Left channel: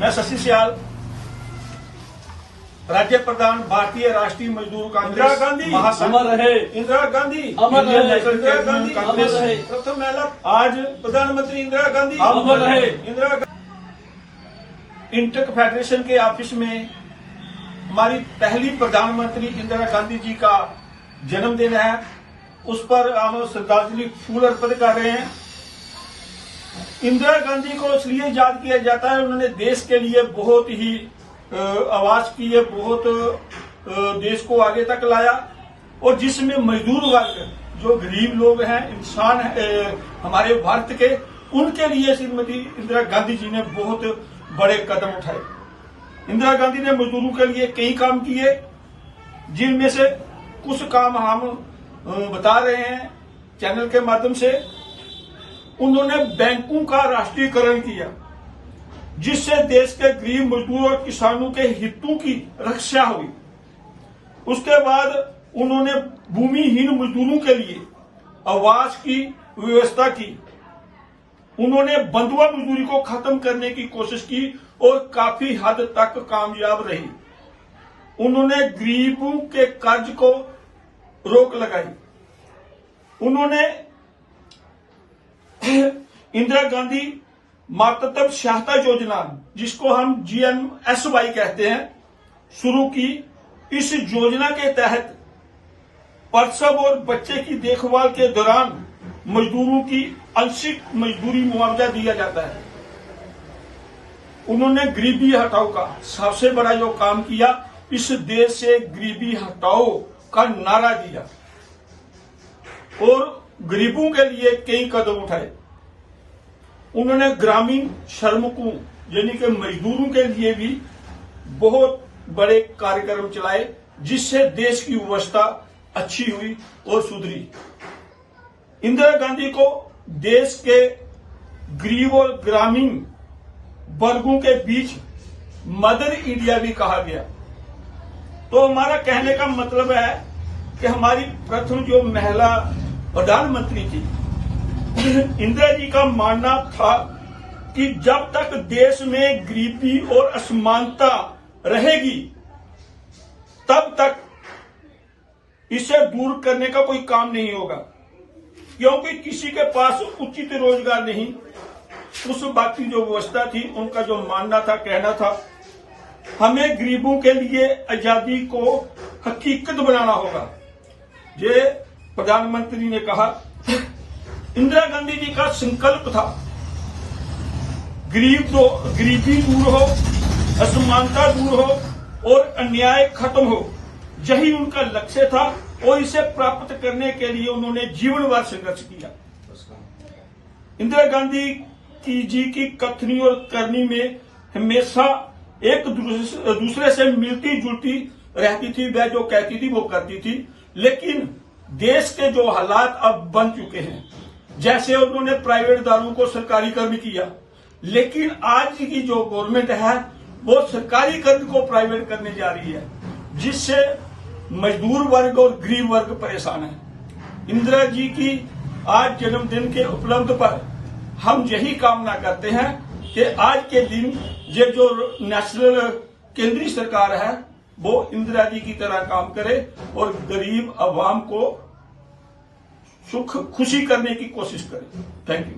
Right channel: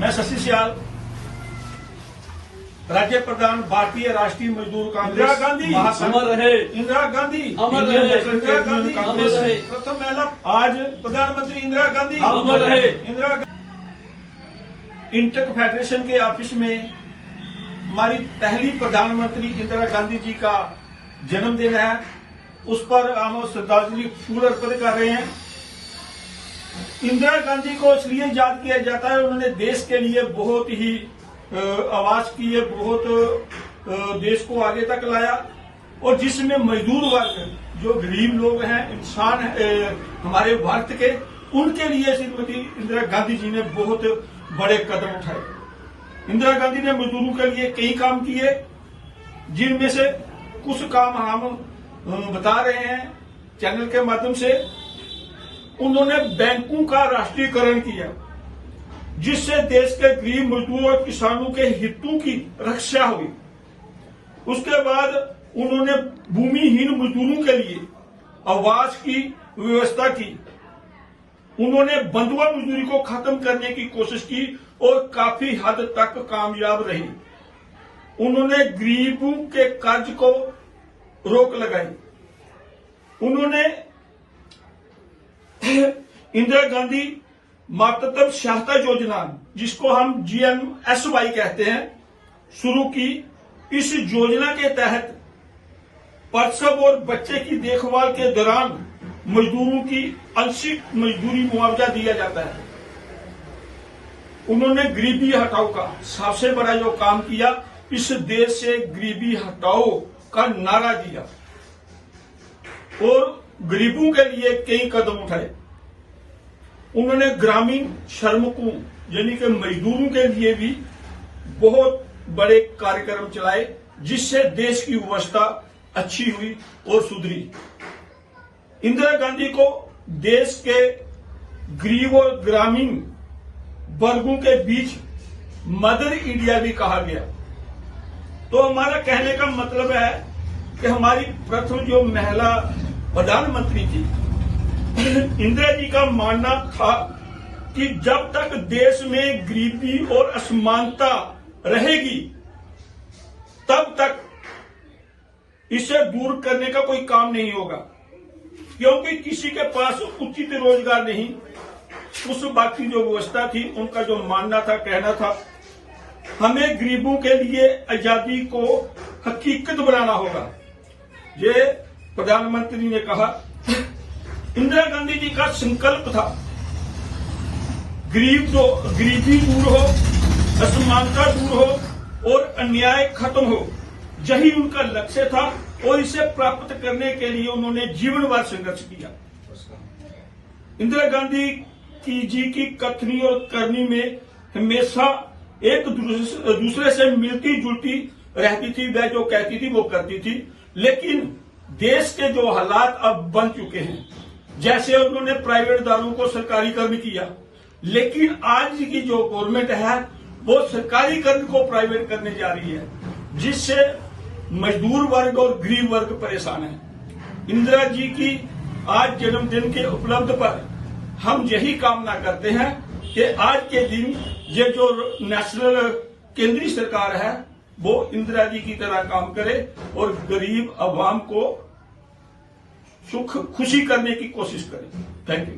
मैं शशि सियाल, राज्य प्रधान भारतीय राष्ट्रीय मजदूर कांग्रेस इंदिरा गांधी अमर रहे, इंदिरा गांधी अमर रहे, इंदिरा गांधी कांग्रेस रहे, प्रथम महिला आज प्रधानमंत्री इंदिरा गांधी अमर रहे। इंदिरा इंटक फेडरेशन के ऑफिस में हमारी पहली प्रधानमंत्री इंदिरा गांधी जी का जन्मदिन है। उस पर हम श्रद्धांजलि फूल अर्पित कर रहे हैं। इंदिरा गांधी को इसलिए याद किया जाता है, उन्होंने देश के लिए बहुत ही आवाज की है, बहुत देश को आगे तक लाया, और जिसमें मजदूर वर्ग, जो गरीब लोग हैं, इंसान हमारे भारत के, उनके लिए श्रीमती इंदिरा गांधी जी ने बहुत बड़े कदम उठाए। इंदिरा गांधी ने मजदूरों के लिए कई काम किए, जिनमें से कुछ काम हम बता रहे हैं चैनल के माध्यम से। उन्होंने बैंकों का राष्ट्रीयकरण किया, जिससे देश के गरीब मजदूर और किसानों के हितों की रक्षा हुई। उसके बाद उन्होंने भूमिहीन मजदूरों के लिए आवास की व्यवस्था की। उन्होंने बंधुआ मजदूरी को खत्म करने की कोशिश की और काफी हद तक कामयाब रही। उन्होंने गरीबों के कर्ज को रोक लगाई। उन्होंने इंदिरा गांधी मातृत्व सहायता योजना, जिसको हम GMSY कहते हैं, शुरू की। इस योजना के तहत प्रसव और बच्चे की देखभाल के दौरान मजदूरों की आंशिक मजदूरी मुआवजा दिया जाता है। उन्होंने गरीबी हटाओ का सबसे बड़ा जो काम किया, इस देश से गरीबी हटाओ का नारा दिया और गरीबों के लिए कई कदम उठाए। उन्होंने ग्रामीण श्रमिकों यानी कि मजदूरों के लिए भी बहुत बड़े कार्यक्रम चलाए, जिससे देश की व्यवस्था अच्छी हुई और सुधरी। इंदिरा गांधी को देश के गरीब और ग्रामीण वर्गों के बीच मदर इंडिया भी कहा गया। तो हमारा कहने का मतलब है कि हमारी प्रथम जो महिला प्रधानमंत्री थी, इंदिरा जी का मानना था कि जब तक देश में गरीबी और असमानता रहेगी, तब तक इसे दूर करने का कोई काम नहीं होगा, क्योंकि किसी के पास उचित रोजगार नहीं। उस बाकी जो व्यवस्था थी, उनका जो मानना था, कहना था, हमें गरीबों के लिए आजादी को हकीकत बनाना होगा। ये प्रधानमंत्री ने कहा। इंदिरा गांधी जी का संकल्प था गरीबी दूर हो, असमानता दूर हो और अन्याय खत्म हो। यही उनका लक्ष्य था और इसे प्राप्त करने के लिए उन्होंने जीवन भर संघर्ष किया। इंदिरा गांधी जी की कथनी और करनी में हमेशा एक दूसरे से मिलती जुलती रहती थी। वह जो कहती थी वो करती थी। लेकिन देश के जो हालात अब बन चुके हैं, जैसे उन्होंने प्राइवेट दारों को सरकारीकरण किया, लेकिन आज की जो गवर्नमेंट है वो सरकारीकरण को प्राइवेट करने जा रही है, जिससे मजदूर वर्ग और गरीब वर्ग परेशान है। इंदिरा जी की आज जन्मदिन के उपलब्ध पर हम यही कामना करते हैं कि आज के दिन ये जो नेशनल केंद्रीय सरकार है वो इंदिरा जी की तरह काम करे और गरीब आवाम को सुख खुशी करने की कोशिश करे। Thank you.